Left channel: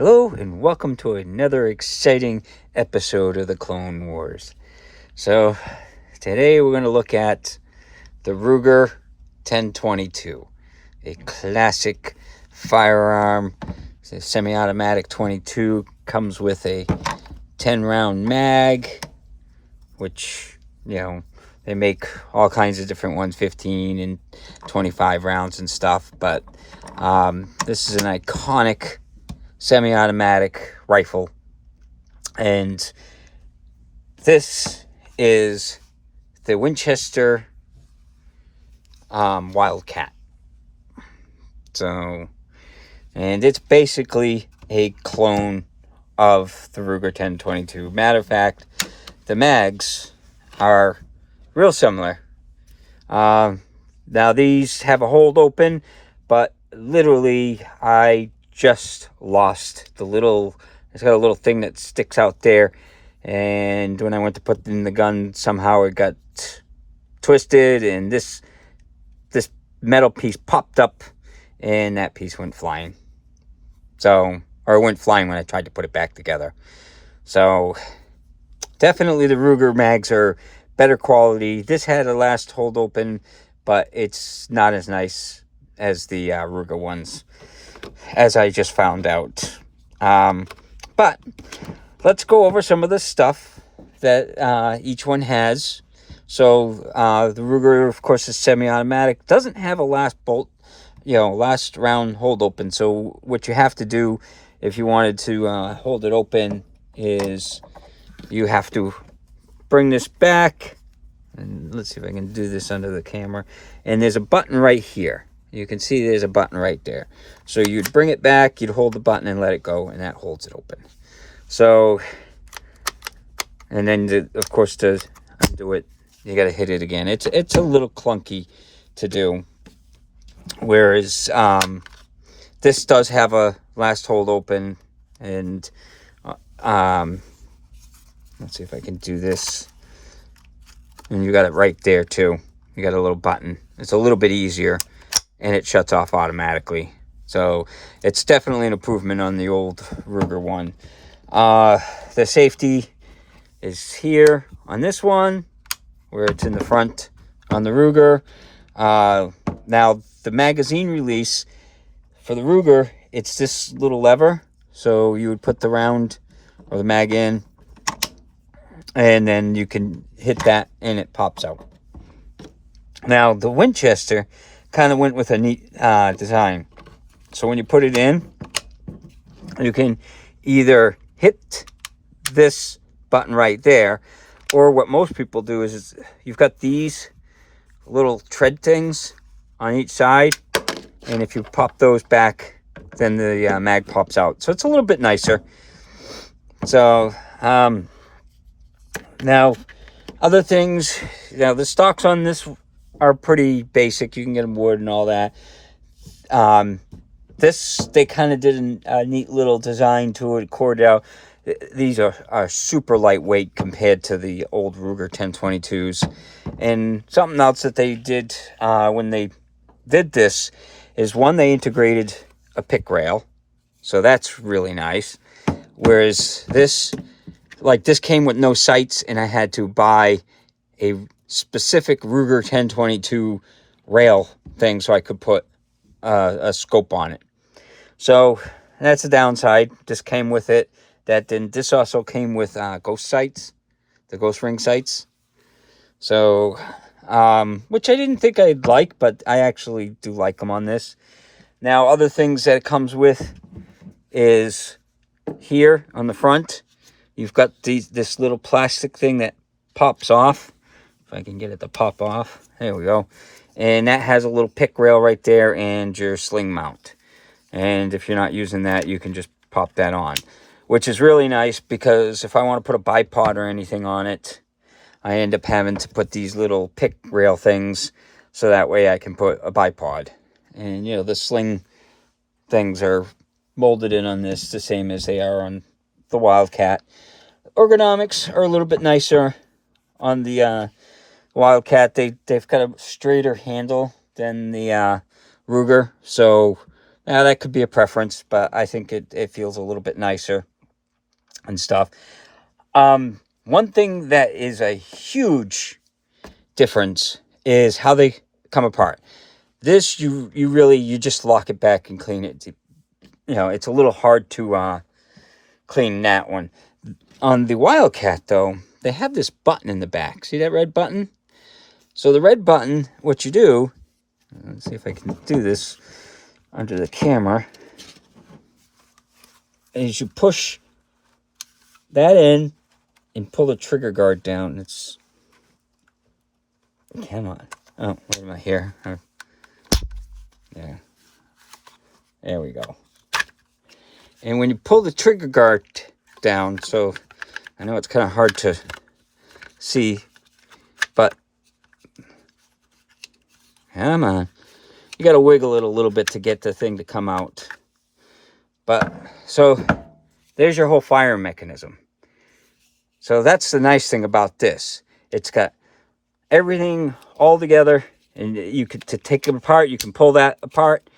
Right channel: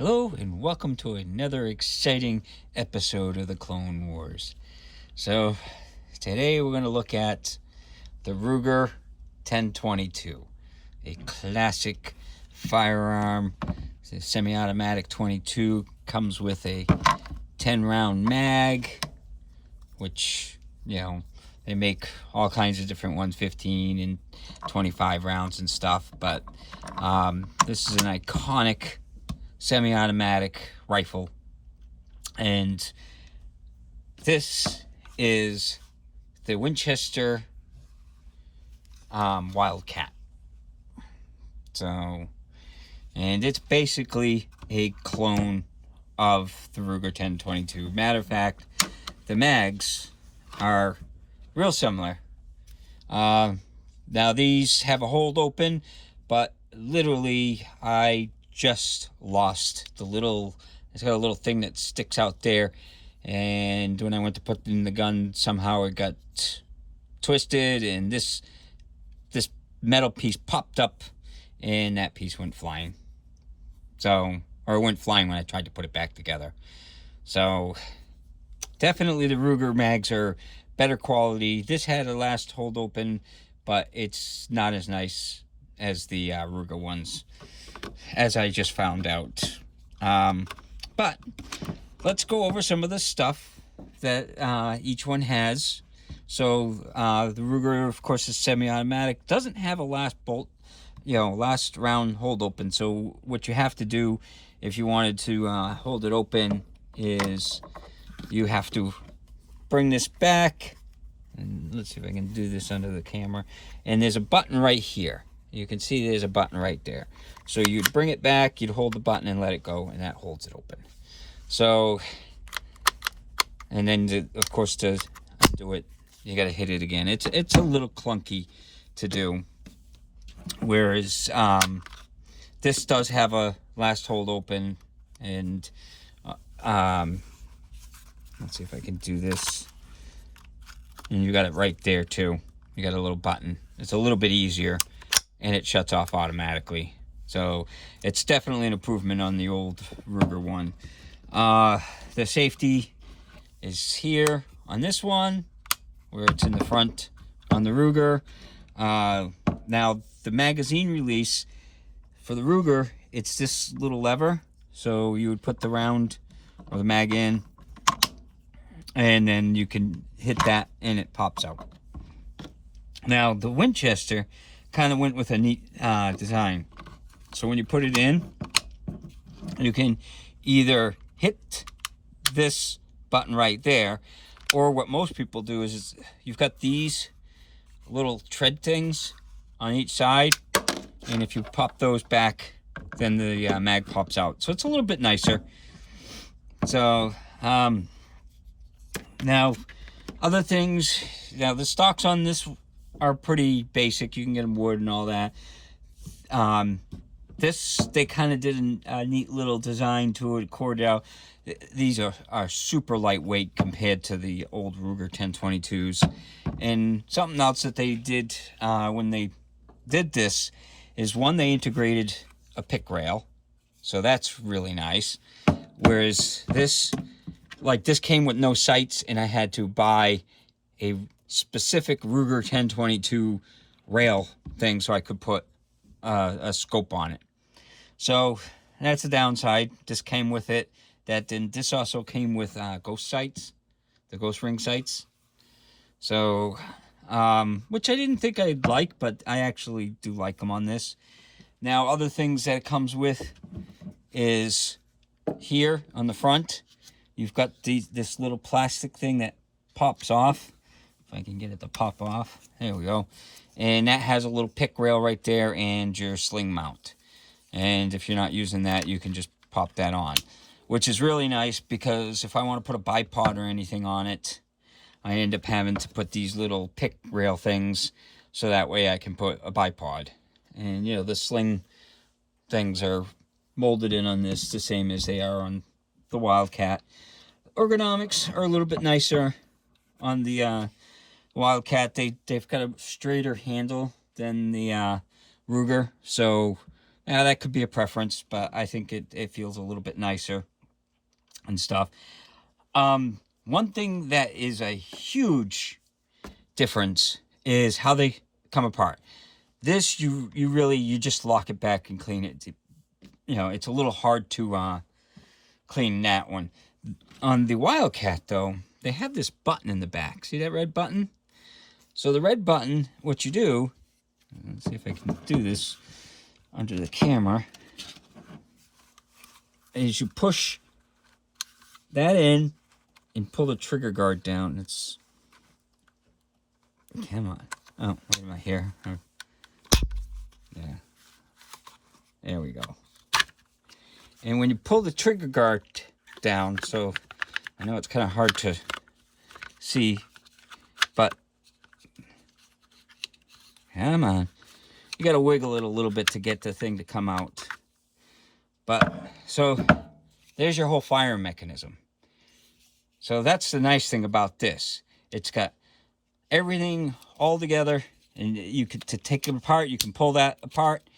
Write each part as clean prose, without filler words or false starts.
Hello and welcome to another exciting episode of the Clone Wars. So today we're going to look at the Ruger 1022, a classic firearm. It's a semi-automatic 22, comes with a 10-round mag, which, they make all kinds of different ones, 15 and 25 rounds and stuff, but this is an iconic semi-automatic rifle, and this is the Winchester Wildcat. And it's basically a clone of the Ruger 1022. Matter of fact, the mags are real similar. Now these have a hold open, but literally I just lost it's got a little thing that sticks out there, and when I went to put in the gun, somehow it got twisted and this metal piece popped up and that piece went flying. Or it went flying when I tried to put it back together. So definitely the Ruger mags are better quality. This had a last hold open, but it's not as nice as the Ruger ones, as I just found out. But let's go over some of the stuff that each one has. So the Ruger, of course, is semi-automatic. Doesn't have a last round hold open. So what you have to do if you wanted to hold it open is you have to bring this back. And let's see if I can do this under the camera. And there's a button right here. You can see there's a button right there. So you'd bring it back, you'd hold the button and let it go, and that holds it open. So, and then, of course, to undo it, you got to hit it again. It's a little clunky to do. Whereas this does have a last hold open, and let's see if I can do this. And you got it right there too. You got a little button. It's a little bit easier, and it shuts off automatically. So it's definitely an improvement on the old Ruger one. The safety is here on this one, where it's in the front on the Ruger. Now the magazine release for the Ruger, it's this little lever. So you would put the round or the mag in, and then you can hit that and it pops out. Now the Winchester kind of went with a neat design. So when you put it in, you can either hit this button right there, or what most people do is you've got these little tread things on each side, and if you pop those back, then the mag pops out. So it's a little bit nicer. So now other things, the stocks on this are pretty basic. You can get them wood and all that. They kind of did a neat little design to it, Cordell. These are super lightweight compared to the old Ruger 1022s. And something else that they did when they did this is, one, they integrated a pick rail. So that's really nice. Whereas this came with no sights, and I had to buy a specific Ruger 1022 rail thing so I could put a scope on it. So that's the downside. This came with it. This also came with ghost sights, the ghost ring sights. So, which I didn't think I'd like, but I actually do like them on this. Now, other things that it comes with is here on the front, you've got this little plastic thing that pops off. If I can get it to pop off. There we go. And that has a little pick rail right there and your sling mount. And if you're not using that, you can just pop that on, which is really nice, because if I want to put a bipod or anything on it, I end up having to put these little pick rail things, so that way I can put a bipod. And, the sling things are molded in on this the same as they are on the Wildcat. Ergonomics are a little bit nicer on the Wildcat. They've got a straighter handle than the Ruger, so Now, that could be a preference, but I think it feels a little bit nicer and stuff. One thing that is a huge difference is how they come apart. This, you just lock it back and clean it. You know, it's a little hard to clean that one. On the Wildcat, though, they have this button in the back. See that red button? So the red button, what you do, let's see if I can do this under the camera, is you push that in and pull the trigger guard down. It's, come on. Oh, wait a minute here. Yeah. There we go. And when you pull the trigger guard down, so I know it's kind of hard to see, but come on. You got to wiggle it a little bit to get the thing to come out. But, so, there's your whole firing mechanism. So that's the nice thing about this. It's got everything all together, and you could, to take them apart, you can pull that apart,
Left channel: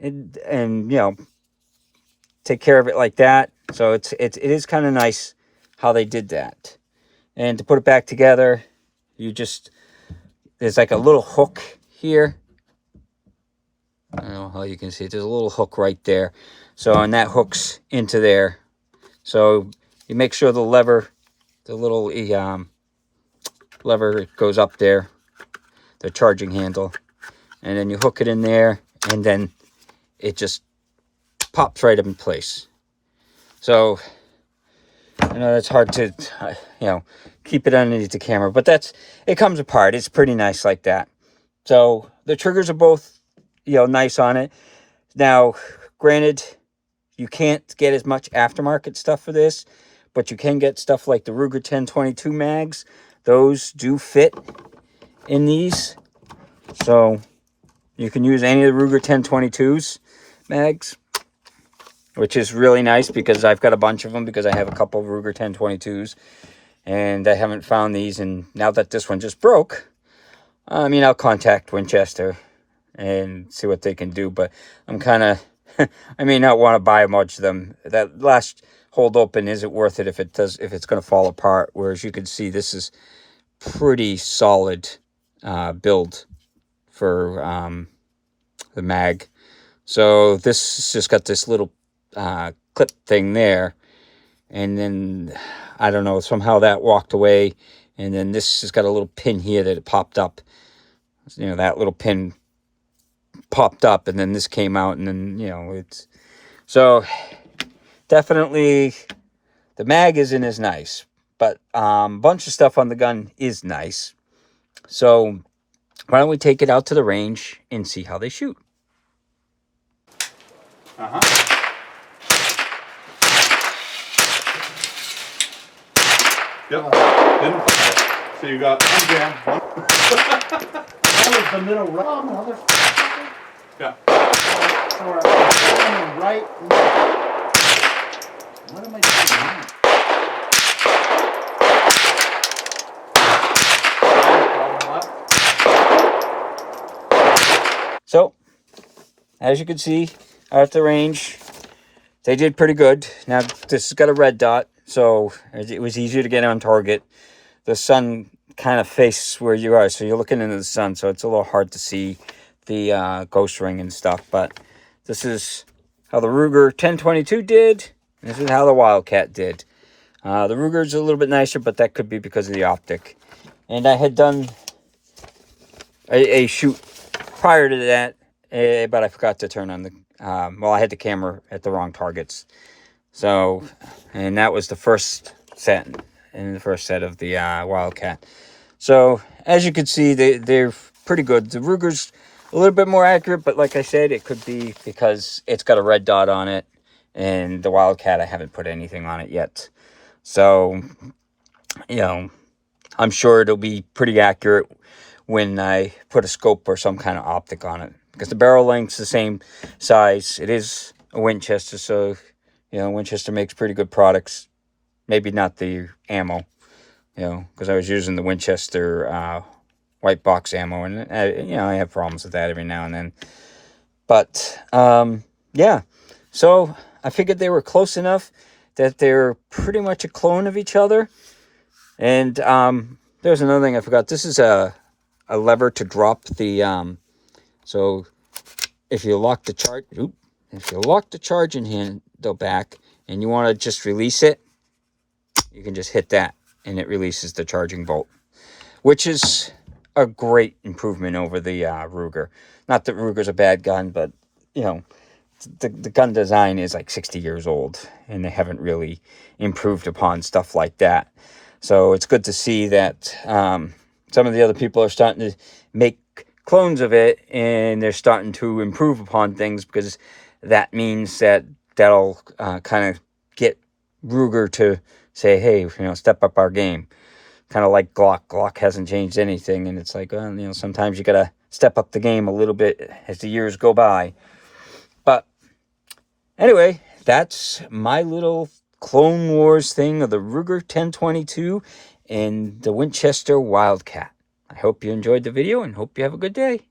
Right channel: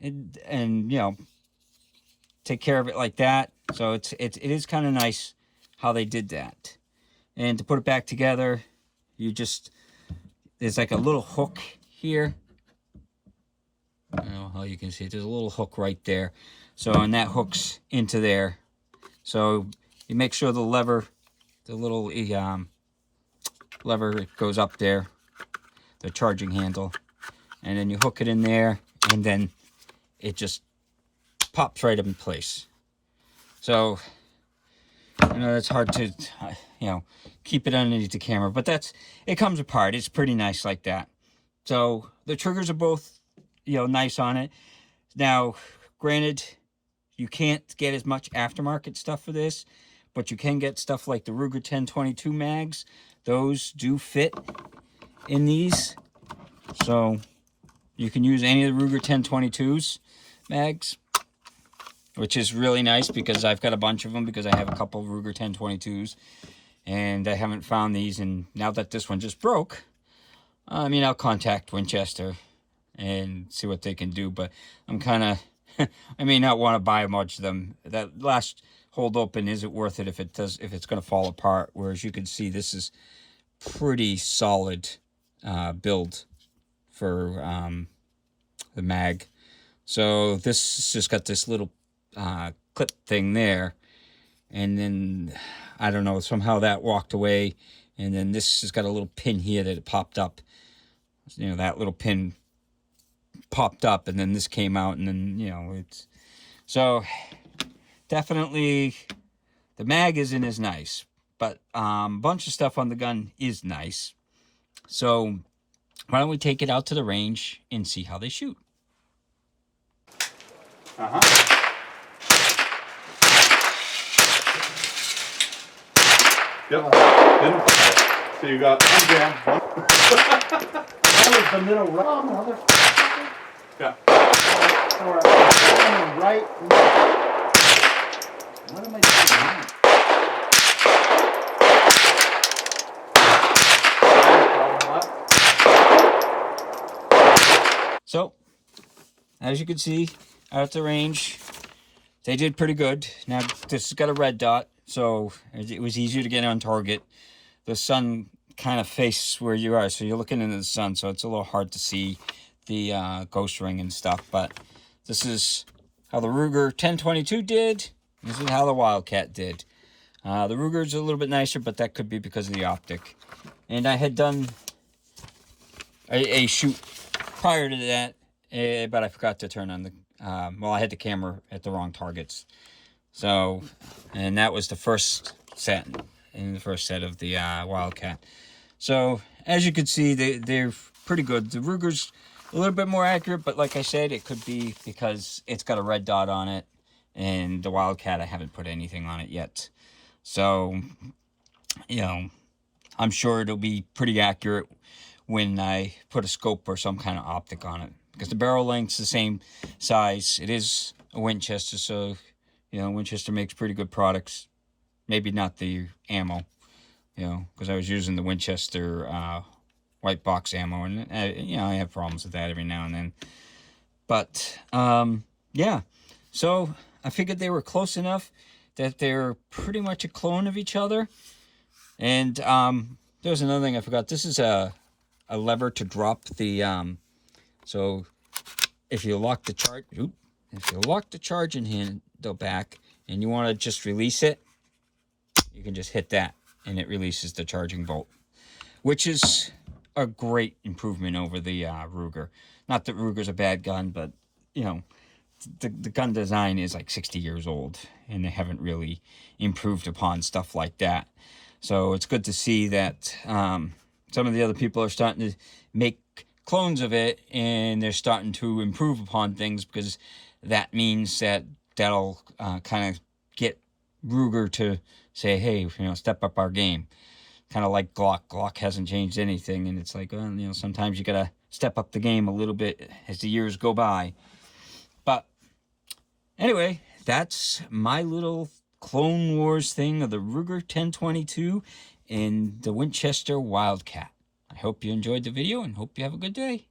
and you know, take care of it like that. So it is kind of nice how they did that. And to put it back together, you just, there's like a little hook here. I don't know how you can see it. There's a little hook right there. So, and that hooks into there. So you make sure the lever, the little lever goes up there, the charging handle, and then you hook it in there, and then it just pops right up in place. So, you know, it's hard to, you know, keep it underneath the camera, but it comes apart. It's pretty nice like that. So the triggers are both, you know, nice on it. Now, granted, you can't get as much aftermarket stuff for this, but you can get stuff like the Ruger 10/22 mags. Those do fit in these. So you can use any of the Ruger 10/22s mags, which is really nice because I've got a bunch of them because I have a couple of Ruger 10/22s and I haven't found these. And now that this one just broke, I mean, I'll contact Winchester and see what they can do, but I'm kind of, I may not want to buy much of them. That last hold open isn't worth it if it's going to fall apart. Whereas you can see this is pretty solid build for the mag. So this has just got this little clip thing there, and then I don't know, somehow that walked away, and then this has got a little pin here that it popped up. You know, that little pin popped up, and then this came out, and then, you know, it's, so definitely the mag isn't as nice, but a bunch of stuff on the gun is nice. So why don't we take it out to the range and see how they shoot? Yep. So you got one jam, one. That was the middle right, motherfucker. Yeah. Or right. What am I doing? So, as you can see, out at the range, they did pretty good. Now, this has got a red dot, so it was easier to get on target. The sun kind of faces where you are, so you're looking into the sun, so it's a little hard to see the ghost ring and stuff. But this is how the Ruger 10/22 did. This is how the Wildcat did. The Ruger's a little bit nicer, but that could be because of the optic. And I had done a shoot prior to that, but I forgot to turn on the, well, I had the camera at the wrong targets. So, and that was the first set, in the first set of the Wildcat. So, as you can see, they're pretty good. The Ruger's a little bit more accurate, but like I said, it could be because it's got a red dot on it, and the Wildcat, I haven't put anything on it yet. So, you know, I'm sure it'll be pretty accurate when I put a scope or some kind of optic on it, because the barrel length's the same size. It is a Winchester, so, you know, Winchester makes pretty good products. Maybe not the ammo, you know, because I was using the Winchester white box ammo, and you know, I have problems with that every now and then. But yeah, so I figured they were close enough that they're pretty much a clone of each other. And there's another thing I forgot. This is a lever to drop the so if you lock the charging handle back and you want to just release it, you can just hit that and it releases the charging bolt, which is a great improvement over the Ruger. Not that Ruger's a bad gun, but you know, the gun design is like 60 years old and they haven't really improved upon stuff like that. So it's good to see that some of the other people are starting to make clones of it and they're starting to improve upon things, because that means that'll kind of get Ruger to say, hey, you know, step up our game. Kind of like Glock. Glock hasn't changed anything, and it's like, well, you know, sometimes you gotta step up the game a little bit as the years go by. But anyway, that's my little Clone Wars thing of the Ruger 1022 and the Winchester Wildcat. I hope you enjoyed the video and hope you have a good day.